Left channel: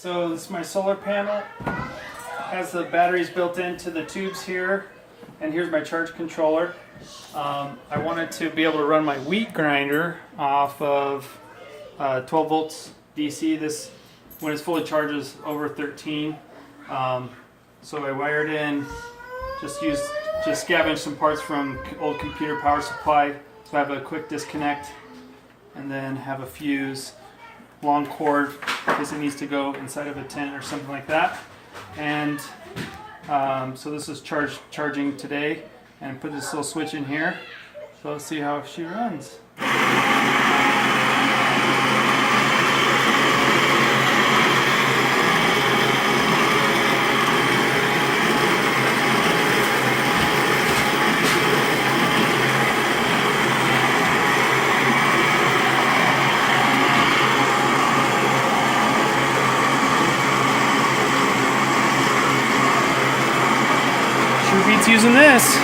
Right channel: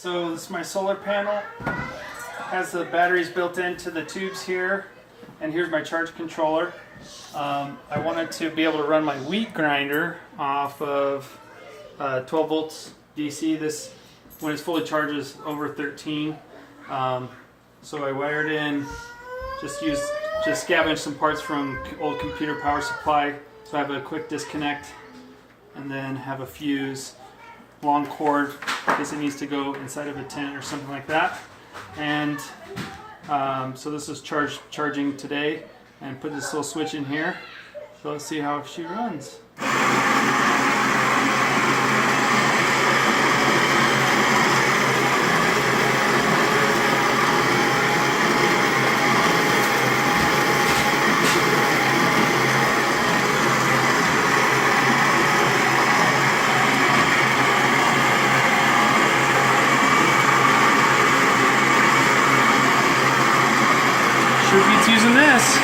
So this is my solar panel. Has the batteries built into the tubes here, and here's my charge controller. I wanted to be able to run my wheat grinder off of 12 volts DC. This, when it's fully charged, is over 13. So I wired in, just scavenged some parts from old computer power supply. So I have a quick disconnect, and then have a fuse, long cord in case it needs to go inside of a tent or something like that. And so this is charging today, and put this little switch in here. So let's see how she runs. Sure beats using this.